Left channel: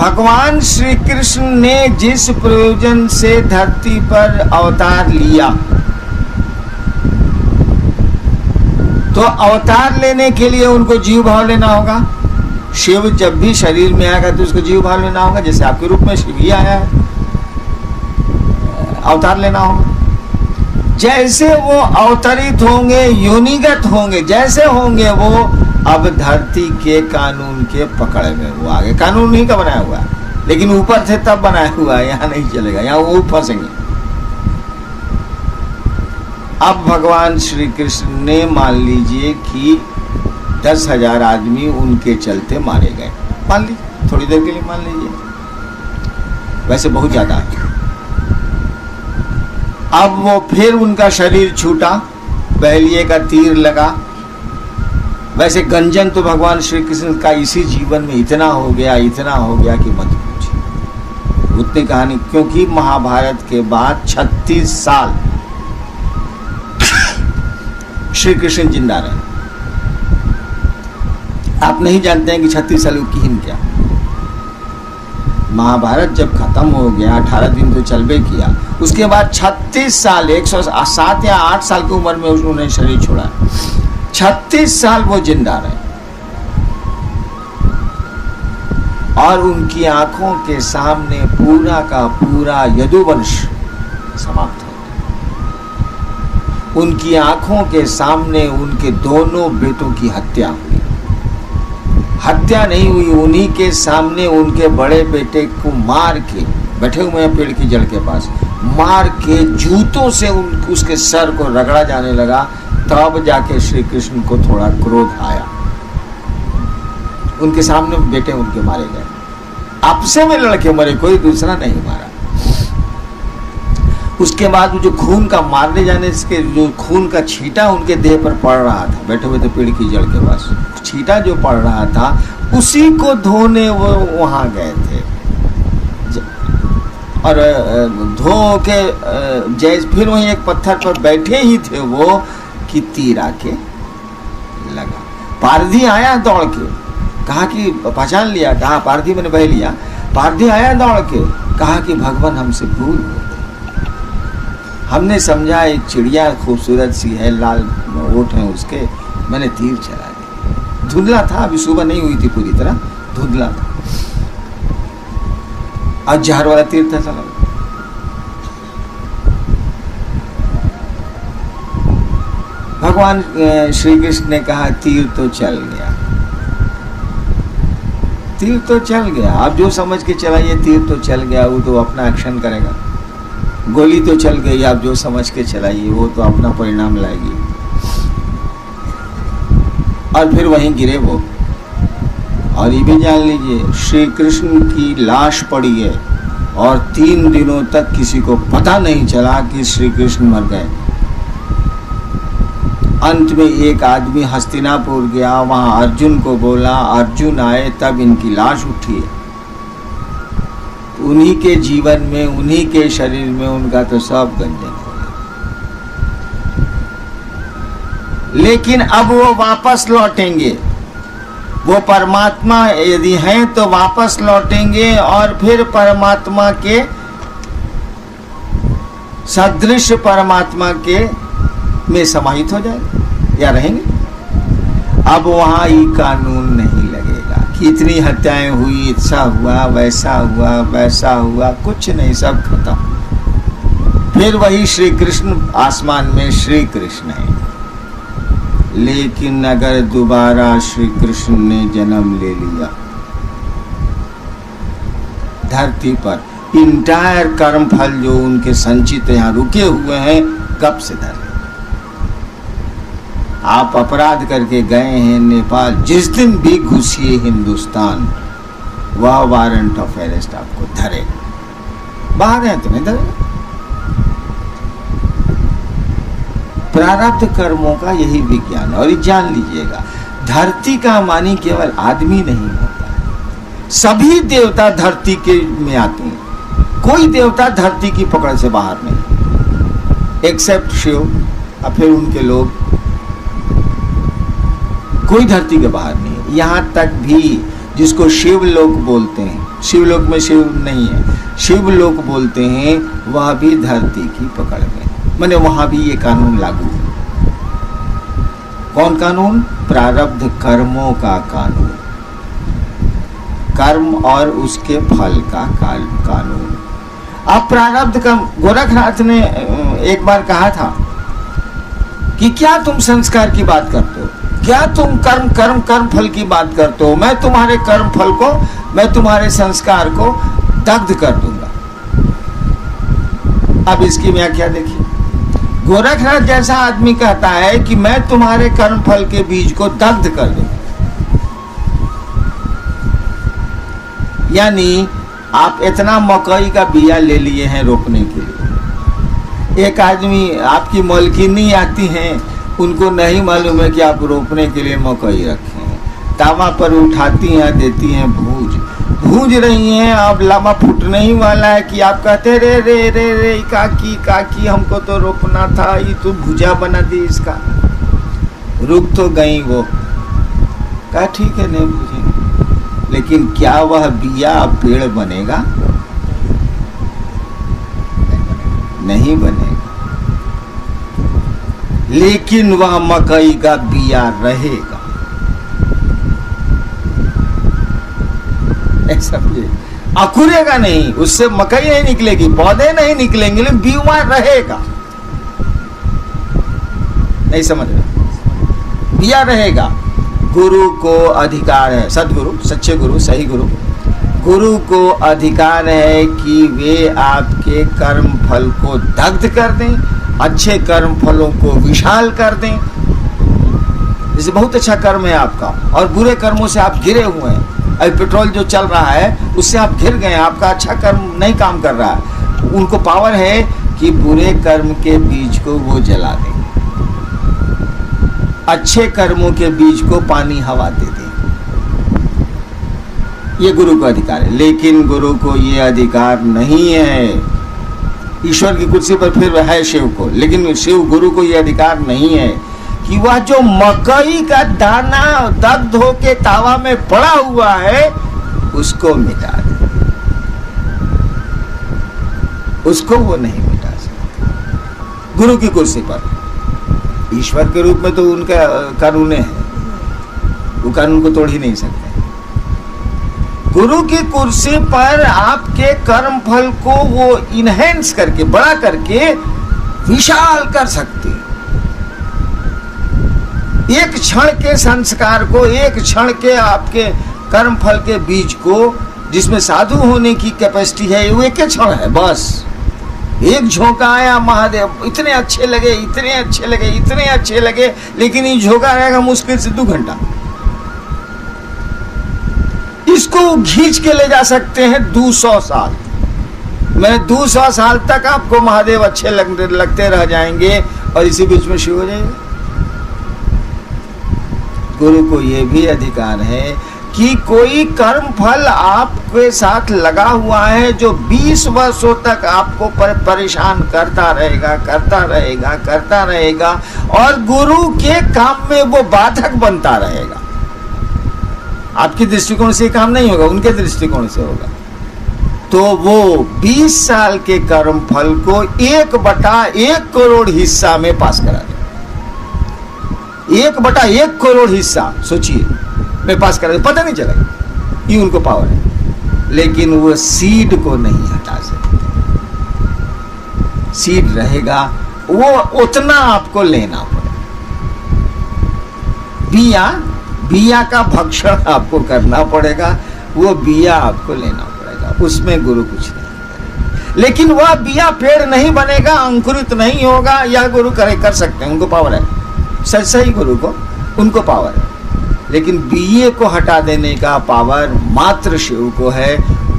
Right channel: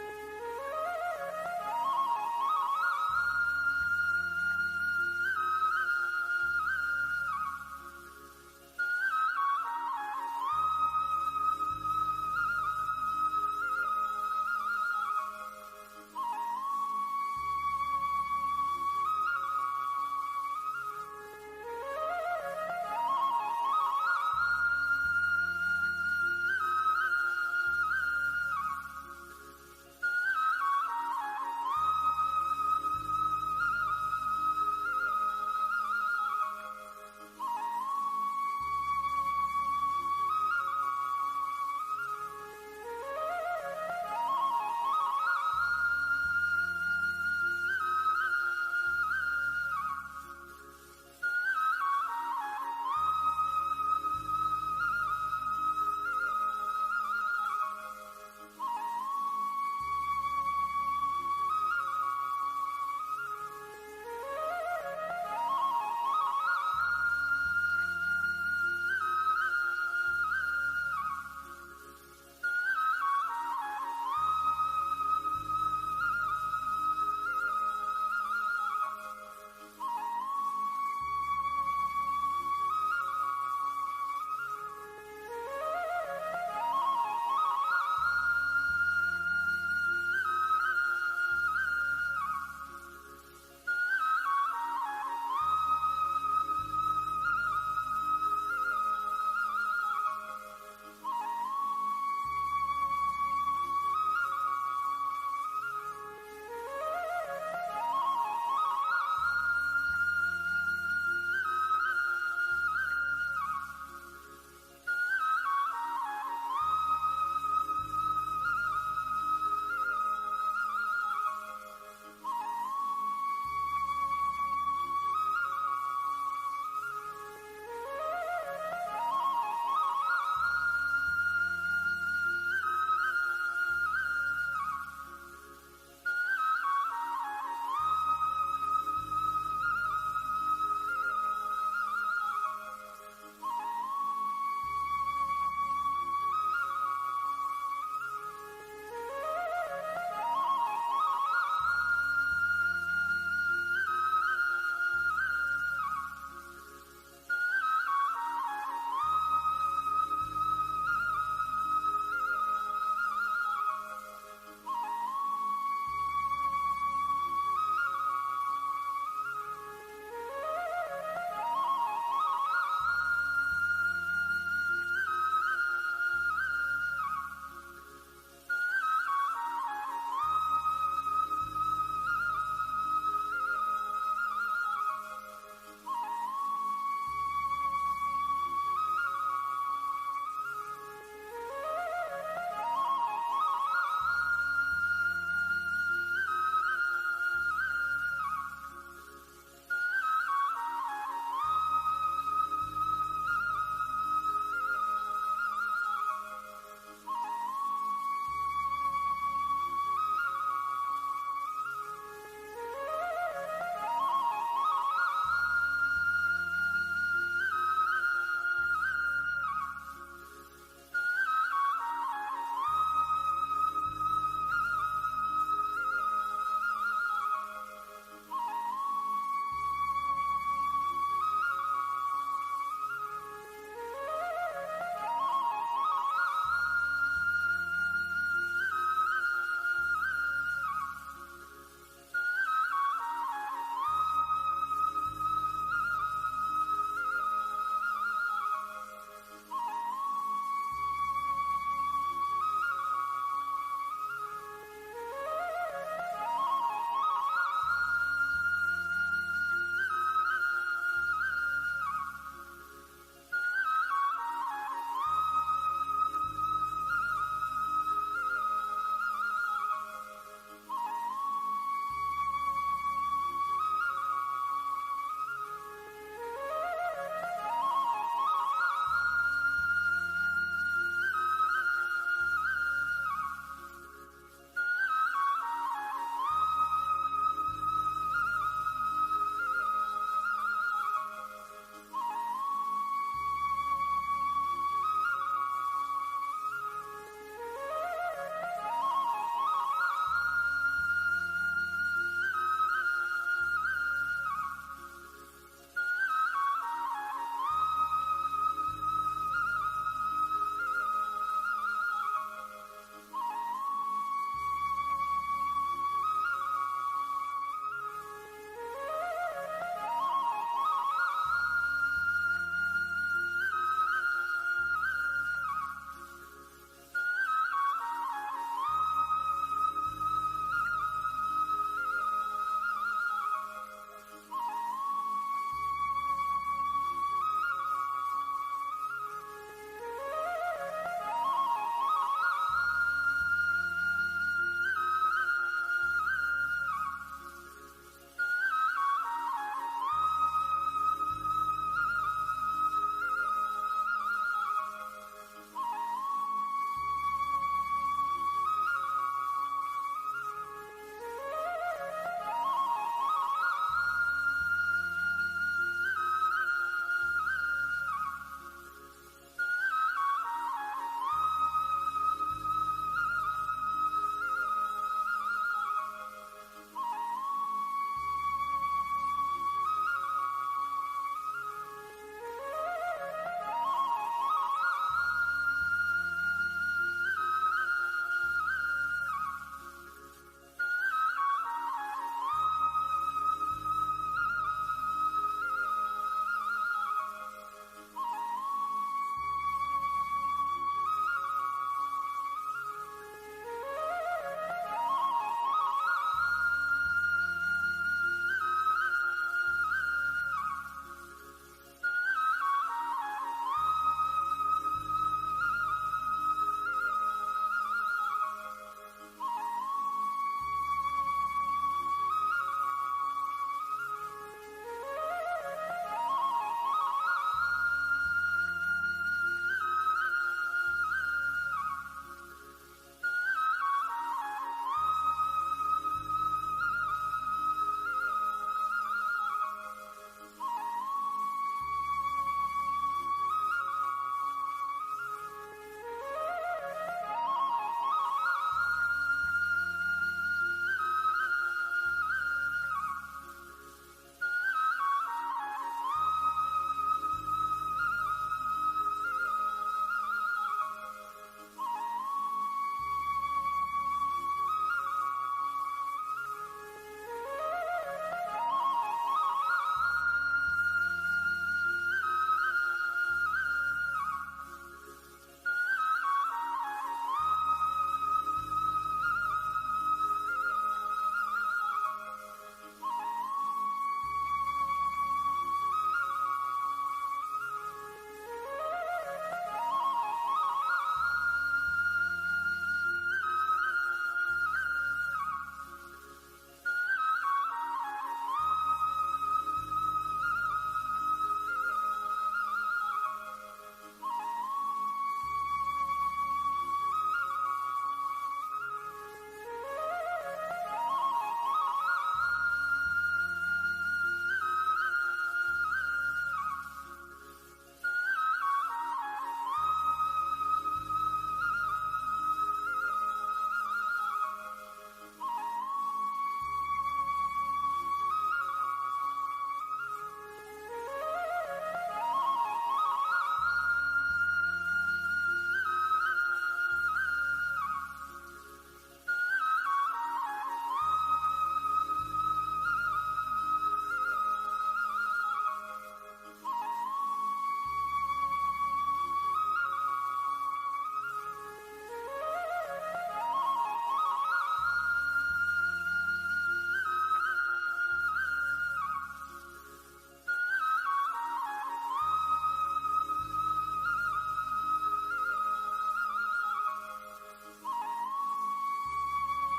भगवान श्री कृष्ण ने जिस प्रयोजन से धरती पर अवतार लिया, तो अवतार लेने के लिए उनको जीव भाव लेना होगा। शिव जब भी शरीर में आएगा तो उसको जीव भाव लेना होगा। जैसे आपके रूप में शिव ही आया है, अवतार लेना होगा। जैसे वो अवतरित होंगे, योनिगत होंगे, जैसे होंगे वो अब धरती के कानून के पकड़ में वो आगे। कानून नहीं का बनाया हुआ है, लेकिन ऊपर से तब बनाया हुआ है, यहाँ नहीं चलेगा, यहाँ वो फंसेंगे। अब भगवान श्री कृष्ण ने मान लीजिए कि 10,000 आदमी उनके चलते मारे गए, मान लीजिए, थोड़ी देर के लिए मान लीजिए, वैसे बहुत ज्यादा है। अब वो फिर उनका शरीर छूटा, बहलिए का तीर लगा। वैसे गंजन तो भगवान श्री कृष्ण का इसी जीवन में इतना हो गया कि मत पूछिए उतनी कहानी। क्योंकि महाभारत के बाद 36 साल श्री कृष्ण जिंदा रहे। आप नहीं जानते हैं कि 36 साल की हिम क्या। महाभारत जब खत्म हो गया, 18 दिन तो चलबे किया, उसके बाद 36 साल 107 या 8 साल की उम्र में उन्होंने शरीर छोड़ा। 36 साल वो जिंदा रहे और उनकी आंखों के सामने पूरा का पूरा यदुवंश समाप्त हो गया। उनकी आंखों के सामने उनके दोनों बेटों की हत्या हुई। हत्या नहीं हुई, उन्हीं के सामने उनके बड़े बेटे को मार के, बैठे हुए हैं पेड़ की जड़ के पास, मार के जूतों से उसके सर को रगड़ा जाने लगा। तब जाके श्री कृष्ण को थोड़ा क्रोध आया। उनके सामने बेटे उनके मारे गए, आपसे में लड़के मरे, कोई दूसरा नहीं मारा। उसके बाद जो खून का मारने जाने से जो खून का छींटा उनके देह पर पड़ रहा था, बैठे हुए थे पेड़ की जड़ के पास, छींटा जो पड़ रहा था उसी को धोने वो वहां गए थे। और धो के जैसे फिर वहीं एक पत्थर पर बैठे ही थे वो कि तीर आके लगा। पारधी आया दौड़ के, कहा कि पहचान लिया, कहा पारधी मैंने बह लिया। पारधी आया दौड़ के, कहा कि भगवान हमसे भूल हो गई, हमने समझा एक चिड़िया खूबसूरत सी है, लाल ओठ है उसके, मैंने तीर चला दिया। धुंधला था, अभी सुबह नहीं हुई थी पूरी तरह, धुंधला था, आज जहर वाला तीर था चला। भगवान श्री कृष्ण ने कहा तीर तो चल गया, तीर तो चल गया, आप जो समझ के चलाइए, तीर तो चल गया, वो तो अपना एक्शन करेगा। गोली तो चल गई, आप जो समझ के चलाइए, वो तो अपना परिणाम लाएगी। और फिर वहीं गिरे वो। और ये भी जान लीजिए, श्री कृष्ण की लाश पड़ी है और 3 दिनों तक किसी को पता नहीं चला कि श्री कृष्ण मर गए। अंत में एक आदमी हस्तिनापुर गया, वहां अर्जुन को बोला, अर्जुन आए तब इनकी लाश उठी है। उन्हीं के जीवन में, उन्हीं के शरीर में उनका तो सब गंजन हो गया। लेकिन अब वो वापस लौटेंगे, वो परमात्मा यदि हैं तो वापस लौटेंगे और फिर परमात्मा के सदृश परमात्मा के में समाहित हो जाएंगे या रहेंगे। अब वहां ये कानून नहीं लगेगा कि इतनी हत्याएं हुई, ऐसा हुआ, वैसा हुआ, वैसा हुआ, कुछ नहीं, सब खत्म। फिर वही श्री कृष्ण आसमान में श्री कृष्ण है। लेकिन अगर दोबारा श्री कृष्ण ने जन्म ले लिया धरती पर, इंटायर कर्म फल जो उनके संचित यहाँ रुके हुए हैं, कब से धर। आप अपराध करके गए हैं नेपाल, जिस दिन भी घुसिए हिंदुस्तान, वह वारंट ऑफ अरेस्ट आपको धरेगा। बाहर है तो नहीं धरेगा। प्रारब्ध कर्मों का यही विज्ञान है। और ये जान लीजिएगा, धरती का मानी केवल आदमी नहीं होता है, सभी देवता धरती के में आते हैं। कोई देवता धरती की पकड़ से बाहर नहीं, एक्सेप्ट शिव और फिर उनके लोग, कोई धरती के बाहर नहीं है। यहाँ तक भी जिसको शिवलोक बोलते हैं, शिवलोक में शिव नहीं है, शिवलोक बोलते हैं, वह भी धरती की पकड़ में, माने वहां भी ये कानून लागू है। कौन कानून? प्रारब्ध कर्मों का कानून, कर्म और उसके फल का कानून। अब प्रारब्ध कर्म, गोरखनाथ ने एक बार कहा था कि क्या तुम संस्कार की बात करते हो, क्या तुम कर्म फल की बात करते हो, मैं तुम्हारे कर्म फल को, मैं तुम्हारे संस्कार को दग्ध कर दूंगा। अब इसकी व्याख्या देखिए, गोरखनाथ जैसा आदमी कहता है कि मैं तुम्हारे कर्म फल के बीज को दग्ध कर दूंगा, यानी आप इतना मकई का बिया ले लिए हैं रोपने के लिए, एक आदमी आपकी मालकिनी आती हैं, उनको नहीं मालूम है कि आप रोपने के लिए मकई रखे हैं, तावा पर उठाती हैं, देती हैं भूंज रही हैं, अब लामा फूटने ही वाला है कि आप कहते रे रे रे रे काकी हमको तो रोपना था, ये तो भुजा बना दी इसका। रुक तो गई वो, कहा ठीक है नहीं भूजेंगे, लेकिन क्या वह बिया पेड़ बनेगा? नहीं बनेगा, लेकिन वह मकई का बिया रहेगा। समझे? अकुरेगा नहीं, उससे मकई नहीं निकलेगी, पौधे नहीं निकलेंगे, लेकिन बीमा रहेगा। नहीं समझ रहे? बिया रहेगा। गुरु को अधिकार है, सदगुरु, सच्चे गुरु, सही गुरु को अधिकार है कि वे आपके कर्म फल को दग्ध कर दें, अच्छे कर्म फलों को विशाल कर दें। जैसे बहुत अच्छा कर्म है आपका और बुरे कर्मों से आप घिरे हुए हैं, अभी पेट्रोल जो चल रहा है उससे आप घिर गए, आपका अच्छा कर्म नहीं काम कर रहा है, उनको पावर है कि बुरे कर्म के बीज को वो जला दें, अच्छे कर्मों के बीज को पानी हवा दे दें। ये गुरु का अधिकार है, लेकिन गुरु को ये अधिकार नहीं है। ईश्वर की कुर्सी पर फिर है शिव को, लेकिन शिव गुरु को ये अधिकार नहीं है कि वह जो मकई का दाना दग्ध होके तावा में पड़ा हुआ है उसको मिटा दे, उसको वो नहीं मिटा सकता। गुरु की कुर्सी पर, ईश्वर के रूप में तो उनका कानून है, वो कानून को तोड़ ही नहीं सकते। गुरु की कुर्सी पर आपके कर्म फल को वो इनहेंस करके, बड़ा करके विशाल कर सकते हैं। एक क्षण के संस्कार को, एक क्षण के आपके कर्म फल के बीज को, जिसमें साधु होने की कैपेसिटी है, वो एक क्षण है बस। एक झोंका आया, महादेव इतने अच्छे लगे, इतने अच्छे लगे, इतने अच्छे लगे, लेकिन ये झोंका रहेगा मुश्किल से 2 घंटा। इसको खींच के ले जा सकते हैं 200 साल। मैं 200 साल तक आपको महादेव अच्छे लगते रह जाएंगे और इसी बीच में शिव हो जाएंगे। गुरु को यह भी अधिकार है कि कोई कर्म फल आपके साथ लगा हुआ है जो 20 वर्षों तक आपको परेशान करता रहेगा और गुरु के काम में वो बाधक बनता रहेगा। आपके दृष्टिकोण से काम नहीं होगा, उनके दृष्टिकोण से होगा। तो वो 20 साल के कर्म फल को 1/1 करोड़ हिस्सा में पास करा दे। 1/1 करोड़ हिस्सा सोचिए में पास करा दे, पता नहीं चलेगा, ये उनको पावर है। लेकिन वो सीड को नहीं हटा सकते, सीड रहेगा, वो उतना आपको लेना पड़ेगा। बिया का भक्षण आपको करना पड़ेगा, वो बिया आपको लेना पड़ेगा, उसमें गुरु कुछ नहीं करेगा। लेकिन वह बिया पेड़ नहीं बनेगा, अंकुरित नहीं होगा, यह गुरु कर सकते हैं, उनको पावर है। सही गुरु को, उनको पावर है। लेकिन बिये को हटा देने का पावर मात्र शिव को है,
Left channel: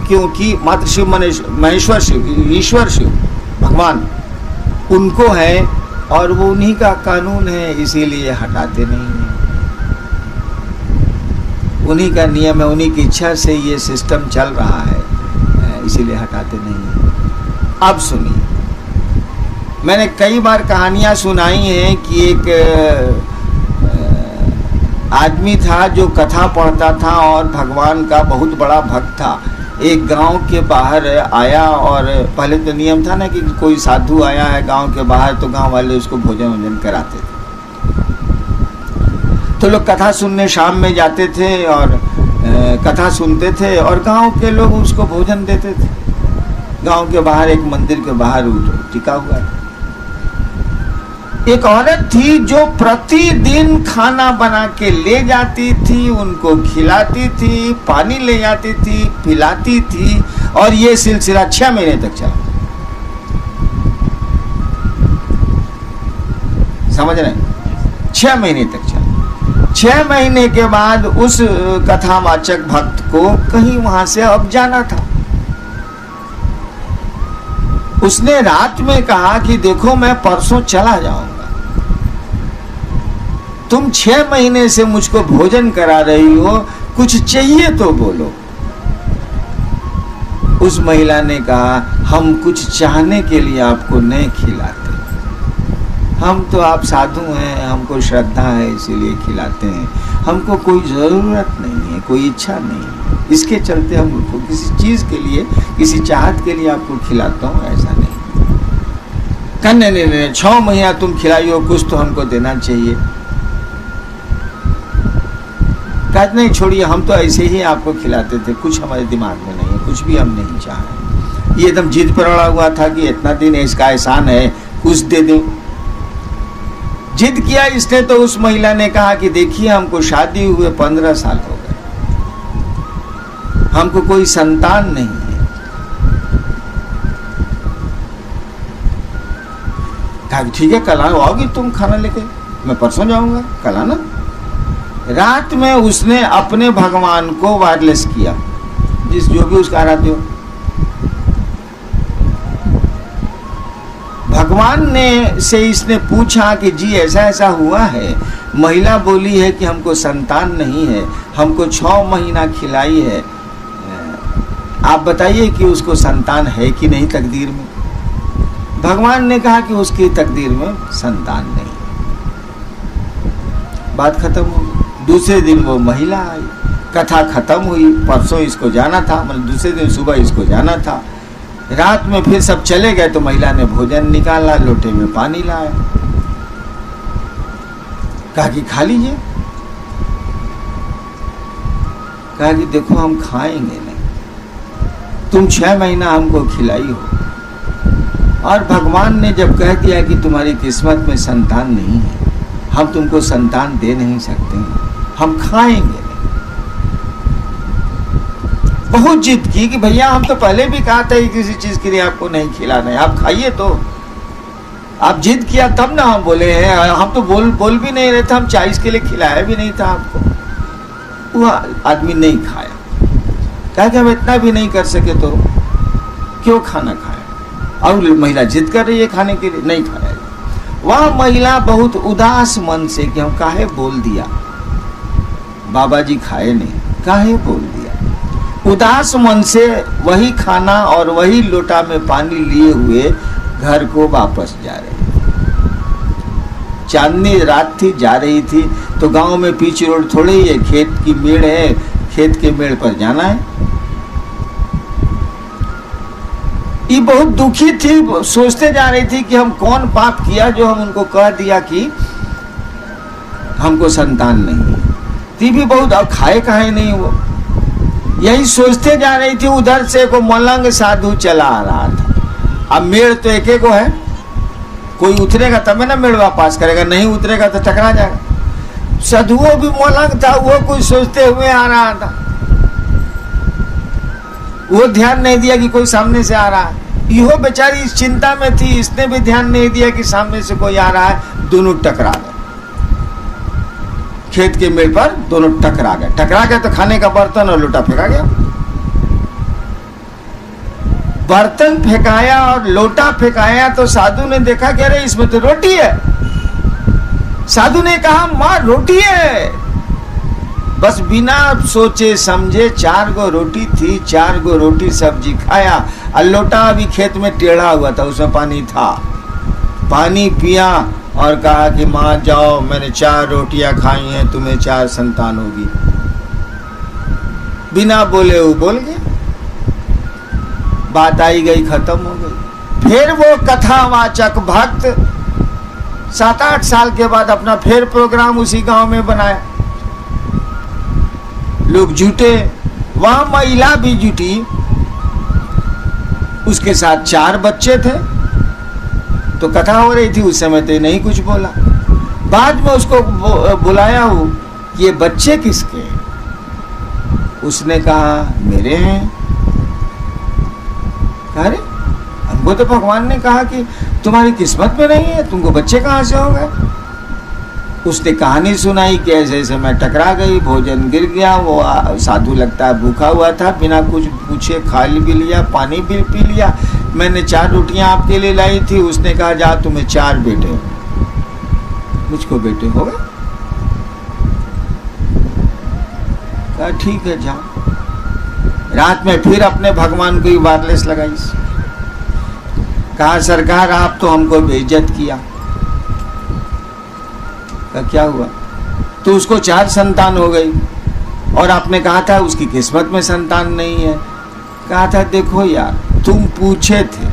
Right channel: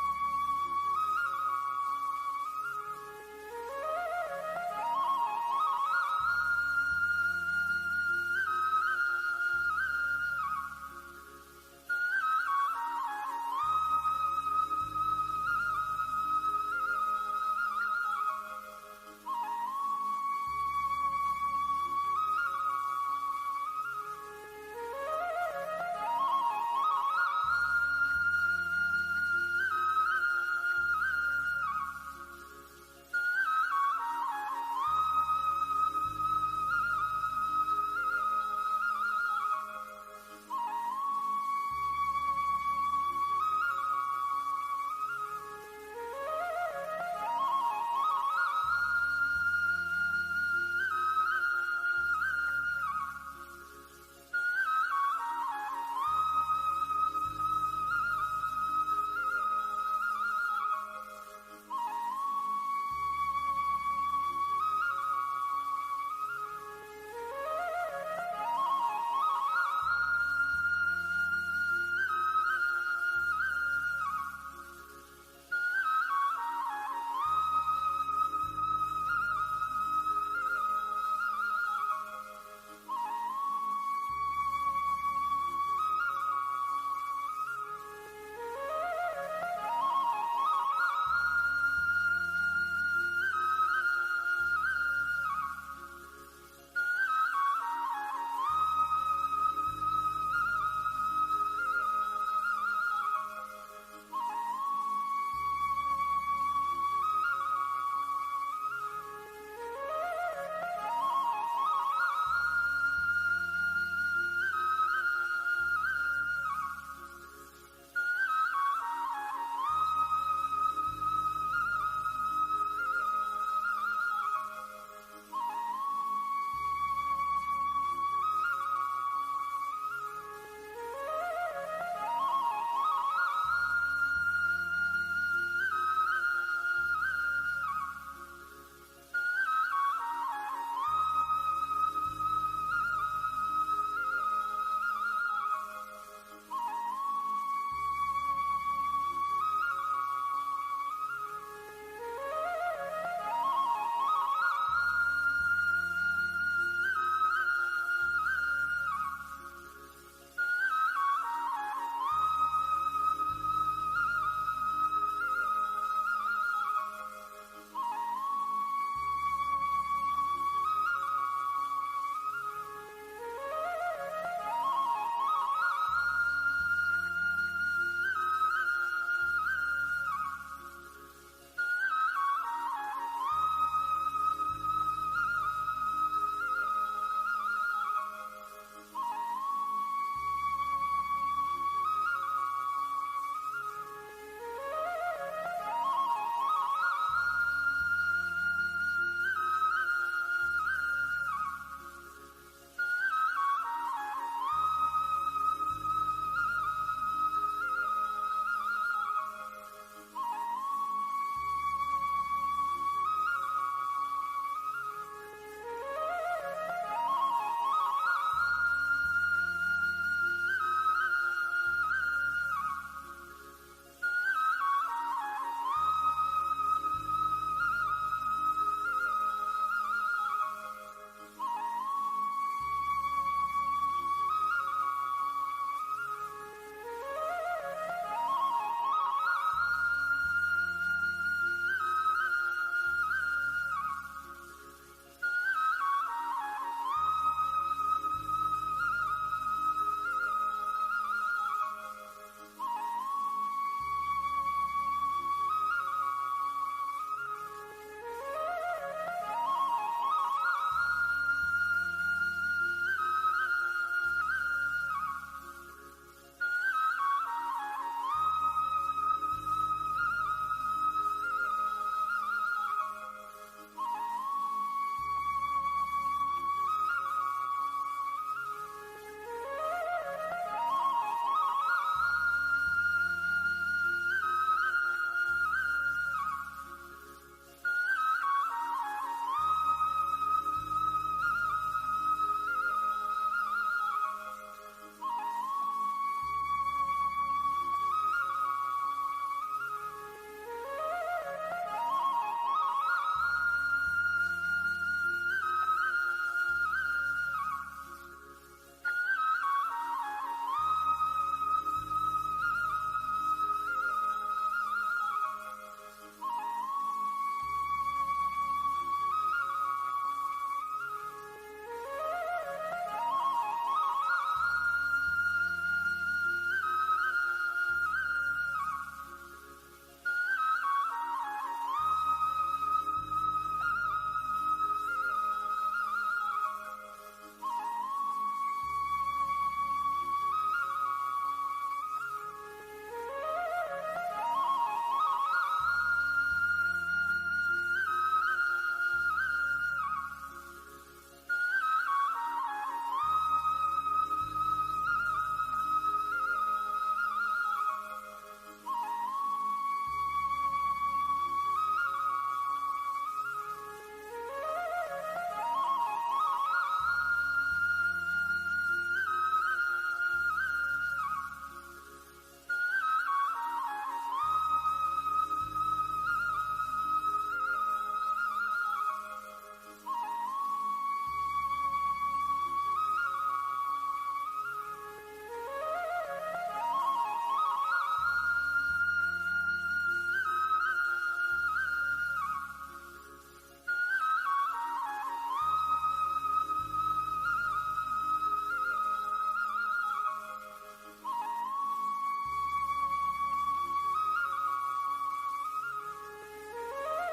क्योंकि मात्र शिव माने महेश्वर शिव, ईश्वर शिव, भगवान, उनको है और वो उन्हीं का कानून है, इसीलिए हटाते नहीं है। उन्हीं का नियम है, उन्हीं की इच्छा से ये सिस्टम चल रहा है, इसीलिए हटाते नहीं है। अब सुनिए, मैंने कई बार कहानियां सुनाई हैं कि एक आदमी था जो कथा पढ़ता था और भगवान का बहुत बड़ा भक्त था। एक गांव के बाहर आया और पहले तो नियम था ना कि कोई साधु आया है गांव के बाहर तो गांव वाले उसको भोजन वोजन कराते थे। तो लोग कथा सुनने शाम में जाते थे और कथा सुनते थे और गांव के लोग उसको भोजन देते थे। गांव के बाहर एक मंदिर के बाहर टिका हुआ है। एक औरत थी जो प्रतिदिन खाना बना के ले जाती थी, उनको खिलाती थी, पानी ले जाती थी, पिलाती थी और ये सिलसिला 6 महीने तक चला। समझ रहे हैं? 6 महीने तक चला। 6 महीने के बाद उस कथावाचक भक्त को कहीं वहां से अब जाना था। उसने रात में कहा कि देखो मैं परसों चला जाऊंगा, तुम 6 महीने से मुझको भोजन करा रही हो, कुछ चाहिए तो बोलो। उस महिला ने कहा हम कुछ चाहने के लिए आपको नहीं खिलाते, हम तो आप साधु हैं, हमको श्रद्धा है इसीलिए खिलाते हैं, हमको कोई जरूरत नहीं है, कोई इच्छा नहीं है, इसके चलते हम किसी चीज के लिए, किसी चाहत के लिए आपको खिलाता हूँ, ऐसा नहीं। कहने नहीं 6 महीना तुम खिलाई हो, कुछ तो हमको देना चाहिए। कहते नहीं छोड़िए, हम तो ऐसे ही आपको खिलाते थे, कुछ हमारे दिमाग में नहीं है, कुछ भी हम नहीं चाह रहे। ये एकदम जिद पर अड़ा हुआ था कि इतना दिन इसका एहसान है, कुछ दे दो। जिद किया इसने तो उस महिला ने कहा कि देखिए हमको शादी हुए 15 साल हो गए, हमको कोई संतान नहीं है। कहा ठीक है कल आओगी तुम खाना लेके, मैं परसों जाऊंगा, कल आना। रात में उसने अपने भगवान को वायरलेस किया, जिस जो भी उसका आराध्य हो। भगवान ने से इसने पूछा कि जी ऐसा ऐसा हुआ है, महिला बोली है कि हमको संतान नहीं है, हमको 6 महीना खिलाई है, आप बताइए कि उसको संतान है कि नहीं तकदीर में। भगवान ने कहा कि उसकी तकदीर में संतान नहीं। बात खत्म हो गई। दूसरे दिन वो महिला आई, कथा खत्म हुई, परसों इसको जाना था, मतलब दूसरे दिन सुबह इसको जाना था। रात में फिर सब चले गए तो महिला ने भोजन निकाला, लोटे में पानी लाया, कहा कि खा लीजिए। कहा कि देखो हम खाएंगे नहीं, तुम 6 महीना हमको खिलाई हो, और भगवान ने जब कह दिया कि तुम्हारी किस्मत में संतान नहीं है, हम तुमको संतान दे नहीं सकते, हम खाएंगे नहीं। बहुत जिद की कि भैया हम तो पहले भी कहा था किसी चीज के लिए आपको नहीं खिलाना है, आप खाइए। तो आप जिद किया तब ना हम बोले हैं, हम तो बोल भी नहीं रहे थे, हम चाय के लिए खिलाया भी नहीं था आपको। वो आदमी नहीं खाया, कहा कि हम इतना भी नहीं कर सके तो क्यों खाना खाया। और महिला जिद कर रही है खाने के लिए, नहीं खाया। वह महिला बहुत उदास मन से कि हम काहे बोल दिया, बाबा जी खाए नहीं, काहे बोल दिया। उदास मन से वही खाना और वही लोटा में पानी लिए हुए घर को वापस जा रही थी। चांदनी रात थी, जा रही थी तो गांव में पीच रोड थोड़ी ही है, खेत की मेड़ है, खेत के मेड़ पर जाना है। ये बहुत दुखी थी, सोचते जा रही थी कि हम कौन पाप किया जो हम उनको कह दिया कि हमको संतान नहीं है। ती भी बहुत, अब खाए काहे नहीं वो, यही सोचते जा रही थी। उधर से को मलंग साधु चला आ रहा था। अब मेड़ तो एक एक है, कोई उतरेगा तब ना मेड़ वापस करेगा, नहीं उतरेगा तो टकरा जाएगा। साधुओं भी मलंग था, वो कुछ सोचते हुए आ रहा था, वो ध्यान नहीं दिया कि कोई सामने से आ रहा है। यो बेचारी इस चिंता में थी, इसने भी ध्यान नहीं दिया कि सामने से कोई आ रहा है। दोनों टकरा गए, खेत के मेड़ पर दोनों टकरा गए। टकरा गए तो खाने का बर्तन और लोटा फेंका गया। बर्तन फेंकाया और लोटा फेंकाया तो साधु ने देखा कि अरे इसमें तो रोटी है। साधु ने कहा मां रोटी है। बस बिना सोचे समझे 4 गो रोटी थी, 4 गो रोटी सब्जी खाया, और लोटा अभी खेत में टेढ़ा हुआ था, उसमें पानी था, पानी पिया और कहा कि माँ जाओ, मैंने 4 रोटियां खाई हैं, तुम्हें 4 संतान होगी। बिना बोले वो बोल गया, बात आई गई, खत्म हो गई। फिर वो कथावाचक भक्त 7-8 साल के बाद अपना फिर प्रोग्राम उसी गांव में बनाया। लोग जुटे, वहां महिला भी जुटी, उसके साथ 4 बच्चे थे। तो कथा हो रही थी, उस समय तो नहीं कुछ बोला। बाद में उसको बुलाया हो कि ये बच्चे किसके? उसने कहा मेरे हैं। अरे हमको तो भगवान ने कहा कि तुम्हारी किस्मत में नहीं है, तुमको बच्चे कहाँ से हो गए? उसने कहानी सुनाई कि ऐसे ऐसे मैं टकरा गई, भोजन गिर गया, वो साधु लगता है भूखा हुआ था, बिना कुछ पूछे खा भी लिया, पानी भी पी लिया। मैंने 4 रोटियां आपके लिए लाई थी, उसने कहा जा तुम्हें 4 बेटे हो। मुझको बेटे हो गए? कहा ठीक है जाओ। रात में फिर अपने भगवान को ही वायरलेस लगाई। कहा सरकार आप तो हमको बेइज्जत किया। क्या हुआ? तो उसको 4 संतान हो गई और आपने कहा था उसकी किस्मत में संतान नहीं है। कहा था देखो यार, तुम पूछे थे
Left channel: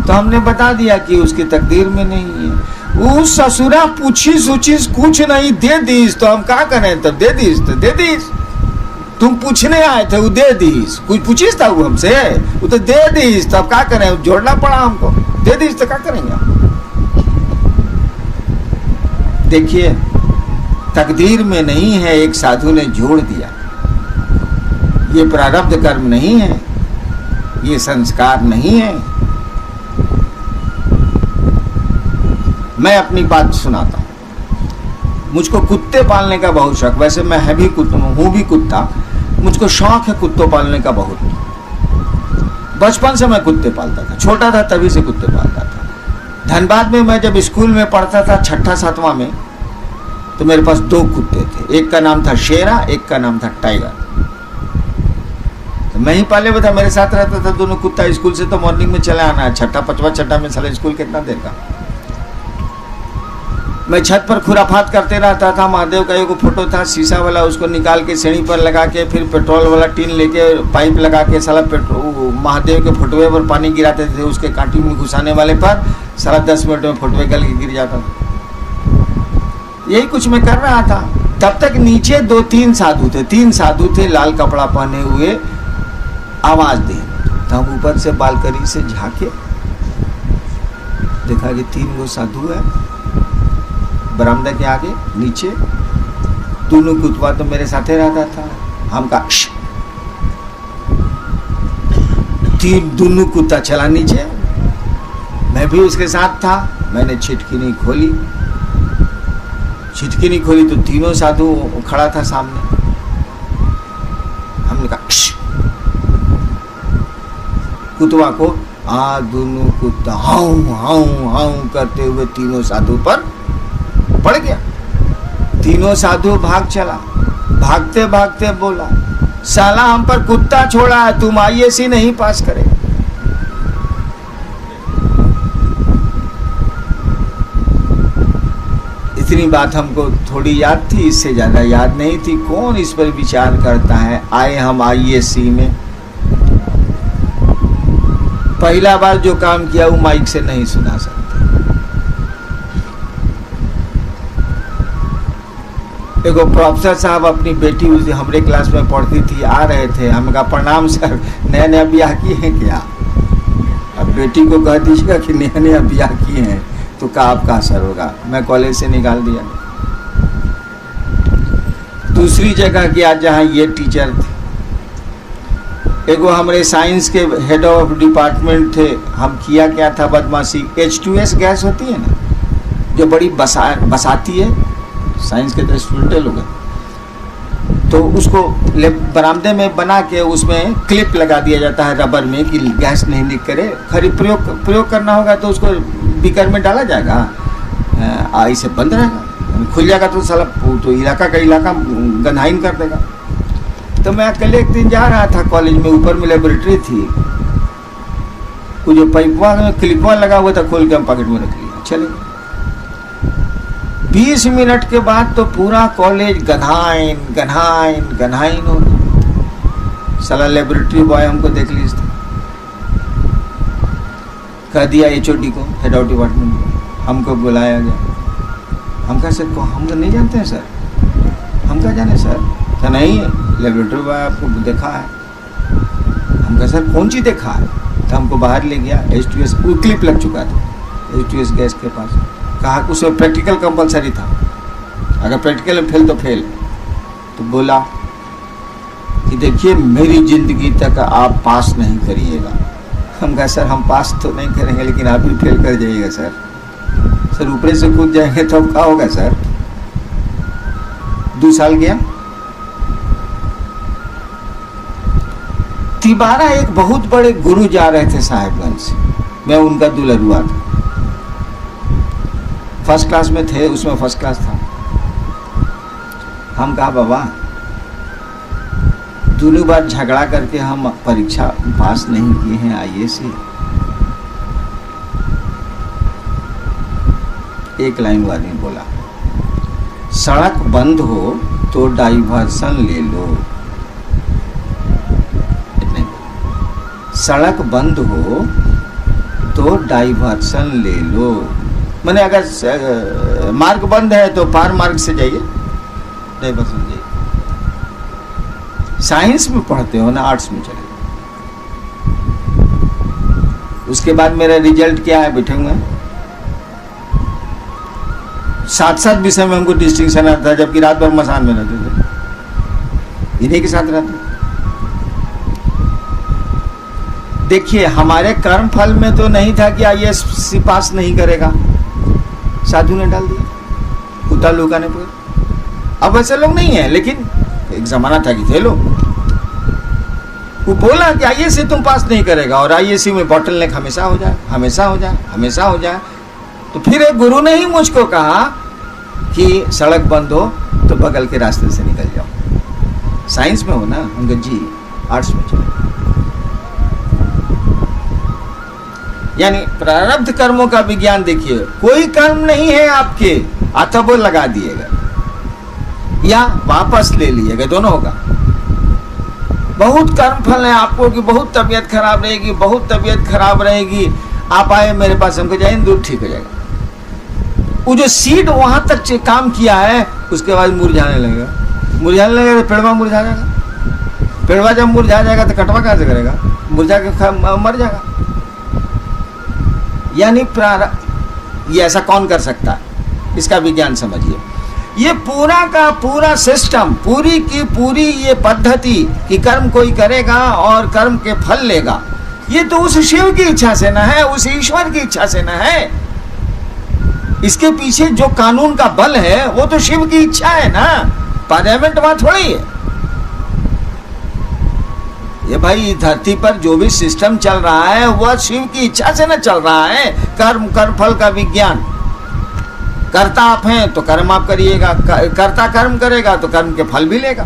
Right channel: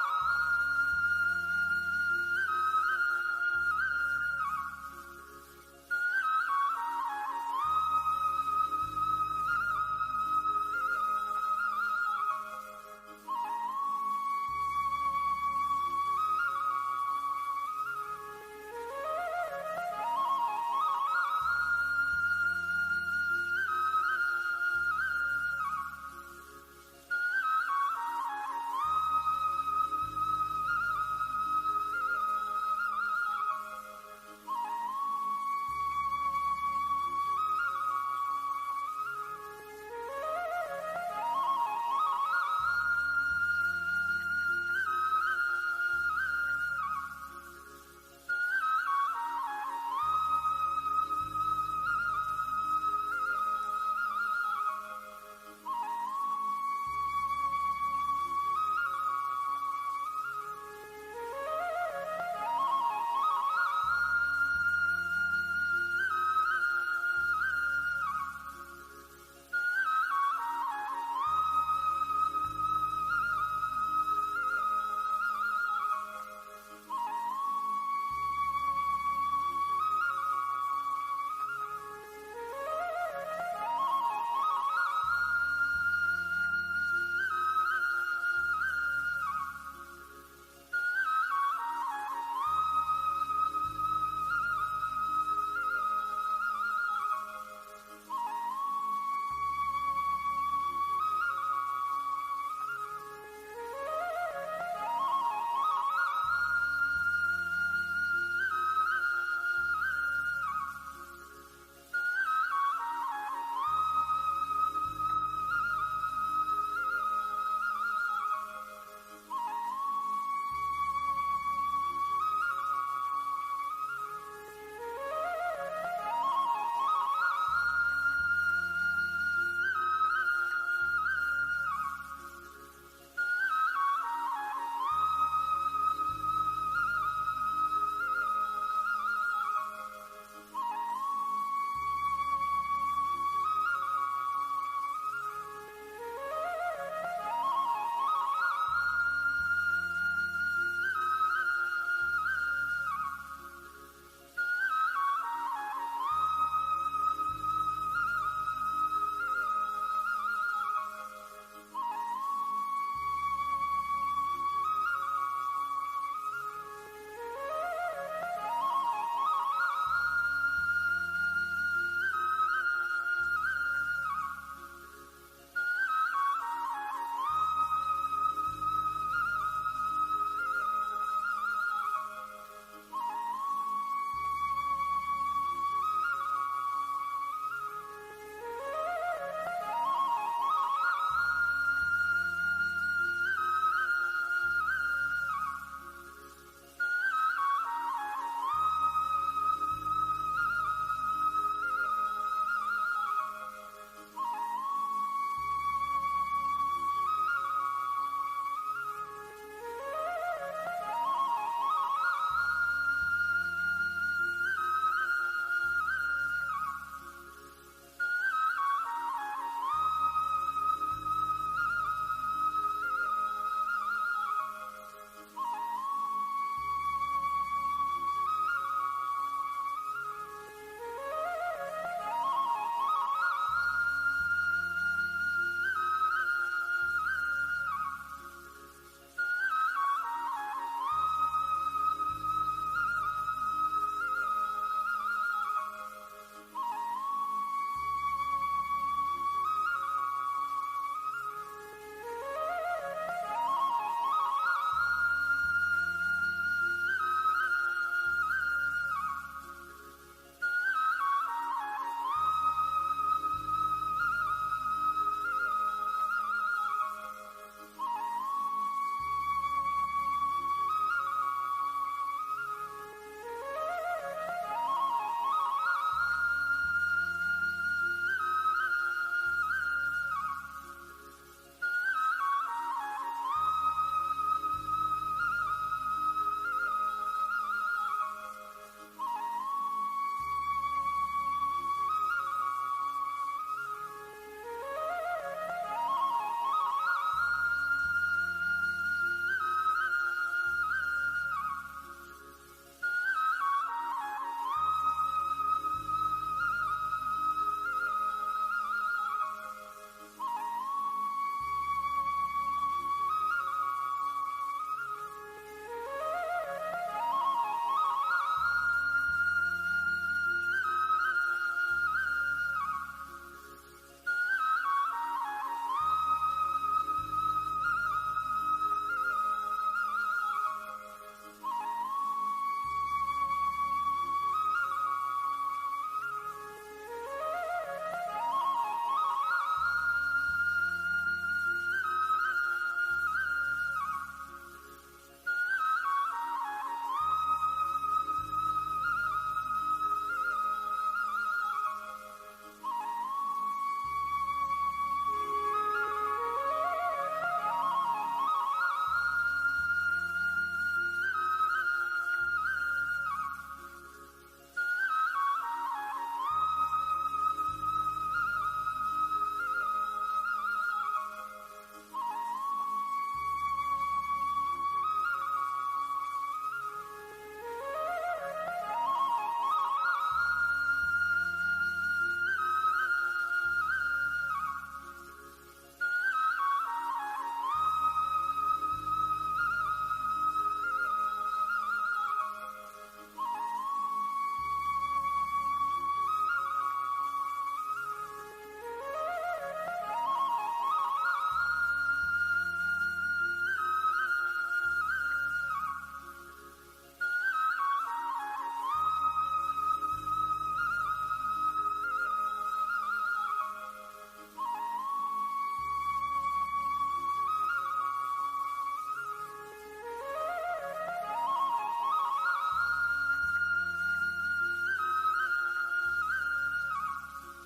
तो हमने बता दिया कि उसकी तकदीर में नहीं है। वो ससुरा पूछी सूचीस कुछ नहीं, दे दीस तो हम क्या करें? तो दे दीस तो दे दीस। तुम पूछने आए थे, वो दे दीस। कुछ पूछिस था वो हमसे, वो तो दे दीस। तो अब क्या करें? जोड़ना पड़ा हमको। दे दीस तो क्या करेंगे? देखिए तकदीर में नहीं है, एक साधु ने जोड़ दिया। ये प्रारब्ध कर्म नहीं है, ये संस्कार नहीं है। मैं अपनी बात सुनाता हूं। मुझको कुत्ते पालने का बहुत शौक, वैसे मैं है भी हूं भी कुत्ता, मुझको शौक है कुत्तों पालने का बहुत। बचपन से मैं कुत्ते पालता था, छोटा था तभी से कुत्ते पालता था। धनबाद में मैं जब स्कूल में पढ़ता था 6ठा-7वां में, तो मेरे पास 2 कुत्ते थे। एक का नाम था शेरा, एक का नाम था टाइगर। तो मैं ही पाले हुआ था, मेरे साथ रहता था दोनों कुत्ता। स्कूल से तो मॉर्निंग में चले आना है, 6ठा-5वां में साला स्कूल कितना देर का। मैं छत पर खुराफात करते रहता था। महादेव का एक फोटो था शीशा वाला, उसको निकाल के सीढ़ी पर लगा के, फिर पेट्रोल वाला टीन लेके पाइप लगा के साला महादेव के फोटोए पर पानी गिराते थे। उसके कांटी में घुसाने वाले पर साला 10 मिनट में फोटोए गल के गिर जाता था। यही कुछ मैं कर रहा था। तब तक नीचे 2-3 साधु थे, 3 साधु थे लाल कपड़ा पहने हुए, आवाज दे। तो हम ऊपर से बालकनी से झांके, देखा कि 3 वो साधु है बरामदा के आगे नीचे। दोनों कुत्ता तो मेरे साथ ही रहता था। हम का दोनों कुत्ता चला नीचे, मैं भी उसके साथ था। मैंने छिटकी नहीं खोली तो तीनों साधु खड़ा था सामने। हमने कहा कुत्ता को, दोनों कुत्ता हाउ हाउ हाउ करते हुए तीनों साधु पर पड़ गया। तीनों साधु भाग चला। भागते भागते बोला साला हम पर कुत्ता छोड़ा है, तुम IAC नहीं पास करे। इतनी बात हमको थोड़ी याद थी, इससे ज्यादा याद नहीं थी। कौन इस पर विचार करता है? आए हम IAC में, पहला बार जो काम किया वो माइक से नहीं सुना सकते। एगो प्रोफेसर साहब अपनी बेटी उस हमारे क्लास में पढ़ती थी, आ रहे थे। हम कहा प्रणाम सर, नया नया ब्याह किए हैं क्या? अब बेटी को कह दीजिएगा कि नया नया ब्याह किए हैं तो का आपका असर होगा। मैं कॉलेज से निकाल दिया। दूसरी जगह गया जहाँ ये टीचर थे। एगो हमारे साइंस के हेड ऑफ डिपार्टमेंट थे। हम किया क्या था बदमाशी, H2S गैस होती है ना, जो बड़ी बसाती है, साइंस के तो स्टूडेंट लोग हैं, तो उसको बरामदे में बना के उसमें क्लिप लगा दिया जाता है रबर में कि गैस नहीं लीक करे। खरी प्रयोग करना होगा तो उसको बीकर में डाला जाएगा, ऐसे बंद रहेगा। खुल जाएगा तो साला तो इलाका का इलाका गंधाइन कर देगा। तो मैं अकेले एक दिन जा रहा था कॉलेज में, ऊपर में लेबोरेटरी थी, वो जो पाइपवा में क्लिपवा लगा हुआ था खोल के हम पॉकेट में रख लिया। चले गए। 20 मिनट के बाद तो पूरा कॉलेज गन्हाइन गन्हाइन गन्हाइन हो गया। साला लेबोरेटरी बॉय हमको देख ली, कह दिया HOD को, हेड ऑफ डिपार्टमेंट को, हमको बुलाया गया। हम कहा सर को हम तो नहीं जानते हैं सर, हम क्या जाने सर, क्या नहीं लेबोरेटरी बॉय आपको देखा है। हम कहा सर कौन चीज़ देखा है, तो हमको बाहर ले गया। H2S क्लिप लग चुका था H2S गैस के पास। कहा उसमें प्रैक्टिकल कंपलसरी था, अगर प्रैक्टिकल में फेल तो फेल। तो बोला कि देखिए मेरी ज़िंदगी तक आप पास नहीं करिएगा। हम कहा सर हम पास तो नहीं करेंगे, लेकिन आप भी फेल कर जाइएगा सर। सर ऊपर से कूद जाएंगे तो अब क्या होगा सर। 2 साल गया। तिबारा एक बहुत बड़े गुरु जा रहे थे साहेबगंज से, मैं उनका दुल्हरुआ था। फर्स्ट क्लास में थे, उसमें फर्स्ट क्लास था। हम कहा बाबा दोनों बार झगड़ा करके हम परीक्षा पास नहीं किए हैं IAS से। एक लाइन वाली बोला, सड़क बंद हो तो डाइवर्सन ले लो। सड़क बंद हो तो डाइवर्सन ले लो, मैंने अगर मार्ग बंद है तो पार मार्ग से जाइए, डाइवर्सन जाइए। साइंस में पढ़ते हो ना, आर्ट्स में चले। उसके बाद मेरा रिजल्ट क्या है, बैठे हुए 7 विषय में हमको डिस्टिंक्शन आता था, जबकि रात भर मसान में रहते थे, इन्हीं के साथ रहते। देखिए हमारे कर्म फल में तो नहीं था कि IAS पास नहीं करेगा, साधु ने डाल दिया कुत्ता लुकाने पर। अब वैसे लोग नहीं है, लेकिन एक जमाना था कि थे लोग। वो बोला कि IAS से तुम पास नहीं करेगा, और IAS में बॉटल नेक हमेशा हो जाए, हमेशा हो जाए, हमेशा हो जाए। तो फिर एक गुरु ने ही मुझको कहा कि सड़क बंद हो तो बगल के रास्ते से निकल जाओ। साइंस में हो ना, हम जी आर्ट्स में चलो। यानी प्रारब्ध कर्मों का विज्ञान देखिए, कोई कर्म नहीं है आपके, अतः वो लगा दिएगा या वापस ले लिएगा, दोनों होगा। बहुत कर्म फल है आपको कि बहुत तबीयत खराब रहेगी, बहुत तबीयत खराब रहेगी, आप आए मेरे पास, हमको जाए दूर ठीक हो जाएगा। वो जो सीड वहां तक काम किया है, उसके बाद मुरझाने लगेगा। मुरझाने लगेगा तो पेड़वा मुरझा जाएगा। पेड़वा जब मुरझा जाएगा तो कटवा कहां से करेगा, मुरझा के मर जाएगा। यानी ये ऐसा कौन कर सकता है, इसका विज्ञान समझिए। ये पूरा का पूरा सिस्टम, पूरी की पूरी ये पद्धति कि कर्म कोई करेगा और कर्म के फल लेगा, ये तो उस शिव की इच्छा से ना है, उस ईश्वर की इच्छा से ना है। इसके पीछे जो कानून का बल है वो तो शिव की इच्छा है ना, पार्लियामेंट वहां थोड़ी है। ये भाई धरती पर जो भी सिस्टम चल रहा है वह शिव की इच्छा से न चल रहा है। कर्म कर्म फल का विज्ञान, कर्ता आप हैं तो कर्म आप करिएगा, कर्ता कर्म करेगा तो कर्म के फल भी लेगा।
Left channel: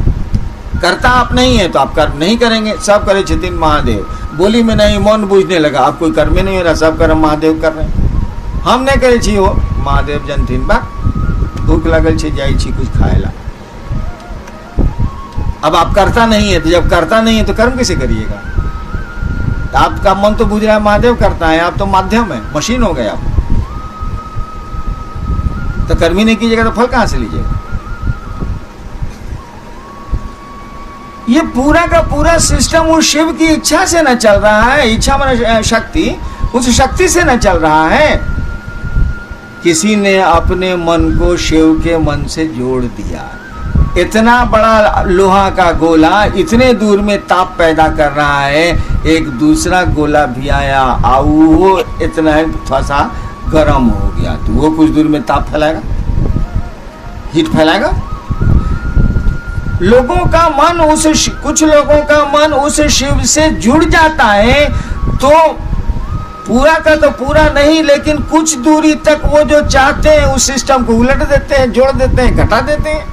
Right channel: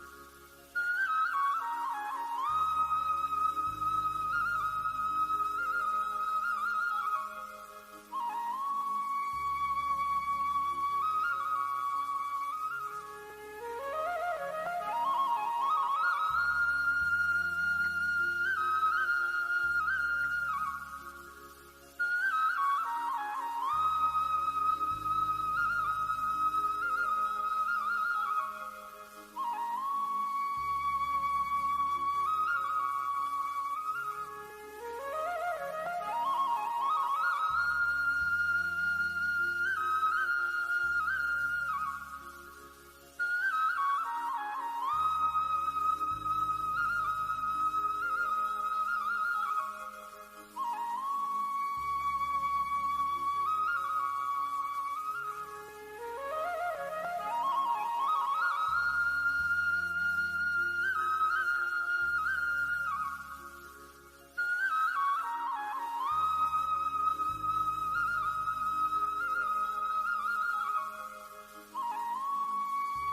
कर्ता आप नहीं है तो आप कर्म नहीं करेंगे। सब करे छथिन महादेव, बोली में नहीं मौन बूझने लगा, आप कोई कर्म नहीं हो रहा, सब कर्म महादेव कर रहे हैं। हम नहीं करे छी हो महादेव जनथिन बा, भूख लगल छे जाई छी कुछ खाएला। अब आप करता नहीं है, तो जब करता नहीं है तो कर्म कैसे करिएगा। तो आपका मन तो बुझ रहा है महादेव करता है, आप तो माध्यम है, मशीन हो गए आप। तो कर्म ही नहीं कीजिएगा तो फल कहां से लीजिएगा। ये पूरा का पूरा सिस्टम उस शिव की इच्छा से न चल रहा है। इच्छा माने शक्ति, उस शक्ति से न चल रहा है। किसी ने अपने मन को शिव के मन से जोड़ दिया। इतना बड़ा लोहा का गोला इतने दूर में ताप पैदा कर रहा है, एक दूसरा गोला भी आया और वो इतना थोड़ा सा गर्म हो गया, तो वो कुछ दूर में ताप फैलाएगा, हीट फैलाएगा। लोगों का मन कुछ लोगों का मन उस शिव से जुड़ जाता है, तो पूरा का तो पूरा नहीं, लेकिन कुछ दूरी तक वो जो चाहते हैं उस सिस्टम को उलट देते हैं, जोड़ देते हैं, घटा देते हैं।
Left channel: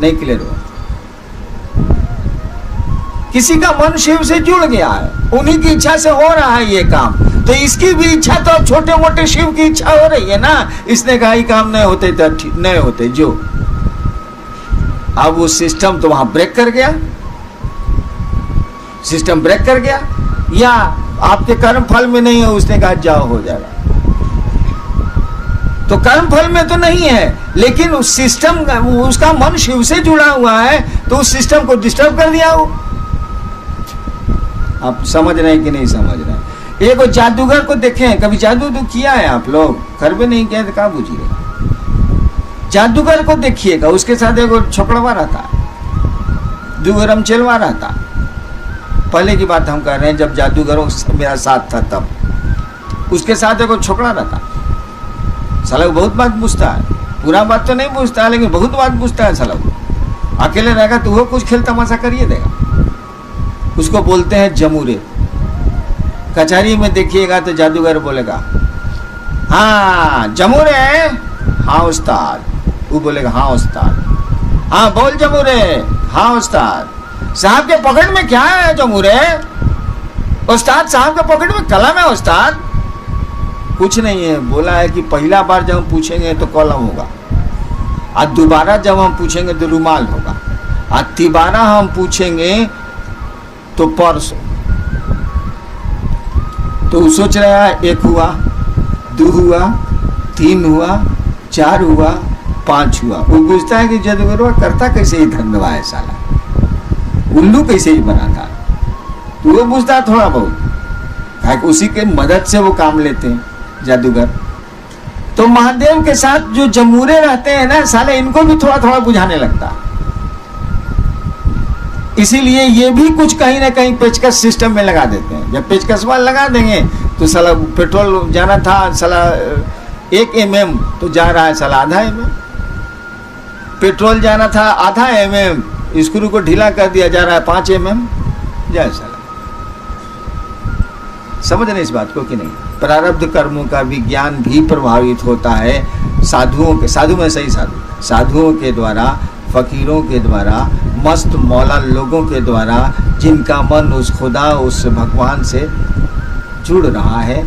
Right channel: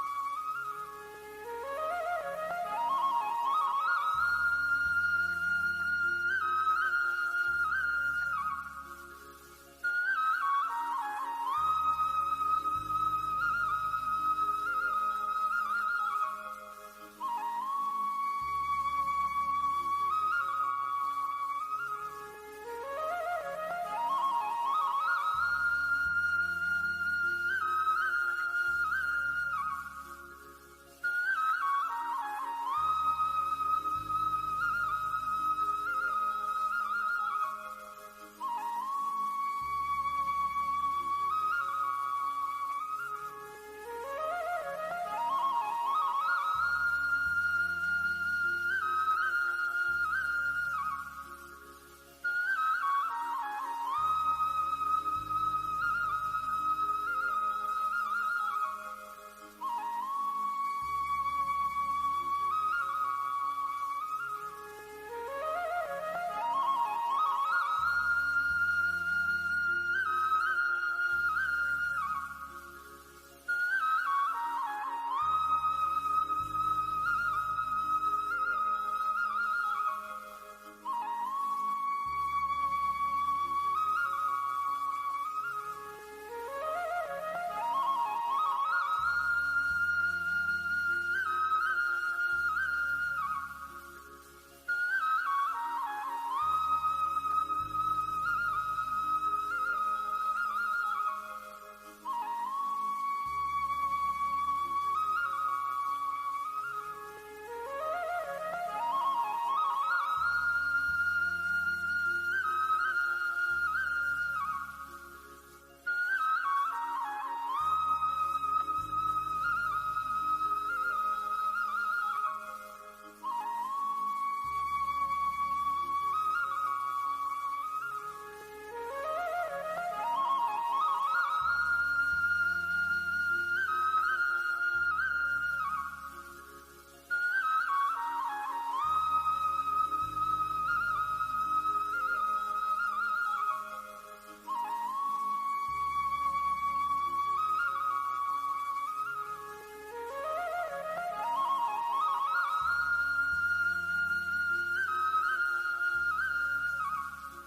नहीं क्लियर हुआ। किसी का मन शिव से जुड़ गया है, उन्हीं की इच्छा से हो रहा है ये काम, तो इसकी भी इच्छा तो अब छोटे मोटे शिव की इच्छा हो रही है ना। इसने कहा काम नहीं होते तो नहीं होते जो। अब वो सिस्टम तो वहां ब्रेक कर गया, सिस्टम ब्रेक कर गया, या आपके कर्म फल में नहीं है, उसने कहा जाओ हो जाएगा। तो कर्म फल में तो नहीं है, लेकिन उस सिस्टम, उसका मन शिव से जुड़ा हुआ है, तो उस सिस्टम को डिस्टर्ब कर दिया वो। आप समझ रहे हैं कि नहीं समझ रहे हैं? एक जादूगर को देखें, कभी जादू तो किया है आप लोग? घर पे नहीं किया तो कहाँ पूछिएगा। जादूगर को देखिएगा, उसके साथ एक छोकड़वा रहता, दुगरम चलवा रहता। पहले की बात हम कर रहे हैं, जब जादूगरों मेरा साथ था तब। उसके साथ एक छोकरा रहता, साला बहुत बात पूछता है, पूरा बात तो नहीं पूछता है लेकिन बहुत बात पूछता है साला। अकेले रहेगा तो वो कुछ खेल तमाशा करिए देगा। उसको बोलते हैं जमूरे। कचहरी में देखिएगा तो जादूगर बोलेगा हाँ जमूरे, हाँ उस्ताद। वो बोलेगा हाँ उस्ताद। हाँ बोल जमूरे, हाँ उस्ताद। साहब के पॉकेट में क्या है जमूरे? उस्ताद साहब के पॉकेट में कलम है उस्ताद। कुछ नहीं है, बोला है कि पहला बार जब हम पूछेंगे तो कलम होगा, और दोबारा जब हम पूछेंगे तो रुमाल होगा, और तिबारा हम पूछेंगे तो पर्स। तो सोच रहा है 1 हुआ, 2 हुआ, 3 हुआ, 4 हुआ, 5 हुआ। वो पूछता है कि जादूगर करता कैसे ही धंधवा है साला, उल्लू कैसे ही बना था। तो वो पूछता थोड़ा बहुत, उसी के मदद से वो काम लेते हैं जादूगर। तो महादेव के साथ जो जमूरे रहते हैं ना साले, इनको भी थोड़ा थोड़ा बुझाने लगता। इसीलिए ये भी कुछ कहीं ना कहीं पेचकस सिस्टम में लगा देते हैं। जब पेचकस वाल लगा देंगे तो साला पेट्रोल जाना था साला 1 mm तो जा रहा है साला आधा mm। पेट्रोल जाना था आधा mm, स्क्रू को ढीला कर दिया, जा रहा है 5 mm। जय साला, समझ रहे इस बात को कि नहीं? प्रारब्ध कर्मों का विज्ञान भी प्रभावित होता है साधुओं के, साधु में सही साधु, साधुओं के द्वारा, फकीरों के द्वारा, मस्त मौला लोगों के द्वारा, जिनका मन उस खुदा, उस भगवान से जुड़ रहा है।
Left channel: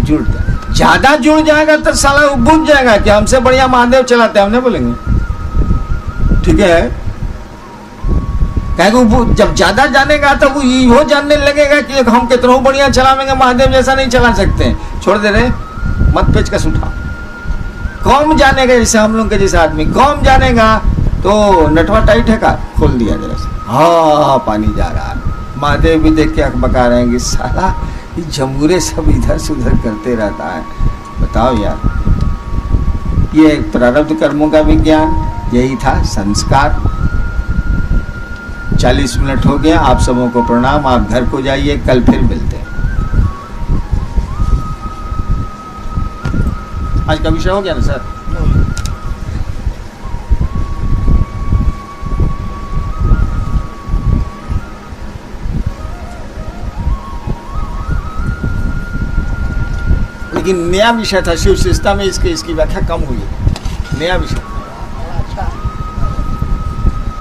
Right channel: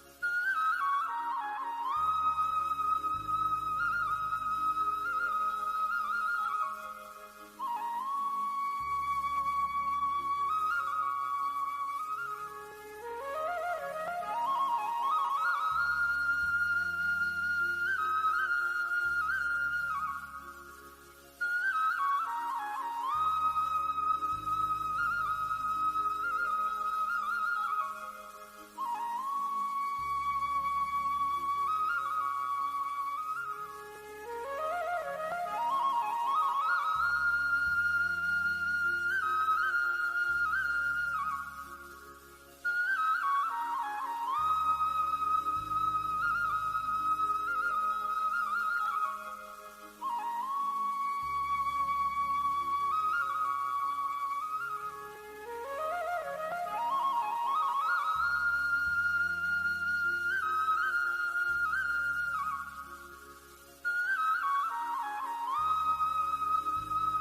जुड़ ज्यादा जुड़ जाएगा तो साला वो बुझ जाएगा कि हमसे बढ़िया महादेव चलाते हैं, हमने बोलेंगे ठीक है। जब ज्यादा जानेगा तो वो ये जानने लगेगा कि हम कितना बढ़िया चलावेंगे, महादेव जैसा नहीं चला सकते। छोड़ दे रहे, मत पेचकस उठा। कौन जानेगा, जैसे हम लोग के जैसे आदमी कौन जानेगा तो नटवा टाइट है का खोल दिया जरा से, हाँ पानी जा रहा है। महादेव भी देख के अख बका रहे हैं कि साला ये जमूरे सब इधर से उधर करते रहता है। बताओ यार, ये प्रारब्ध कर्मों का विज्ञान यही था, संस्कार। 40 मिनट हो गया, आप सबों को प्रणाम। आप घर को जाइए, कल फिर मिलते हैं। आज का विषय हो गया ना सर? लेकिन नया विषय था शिव शिष्टा में, इसकी व्याख्या कम हुई, नया विषय।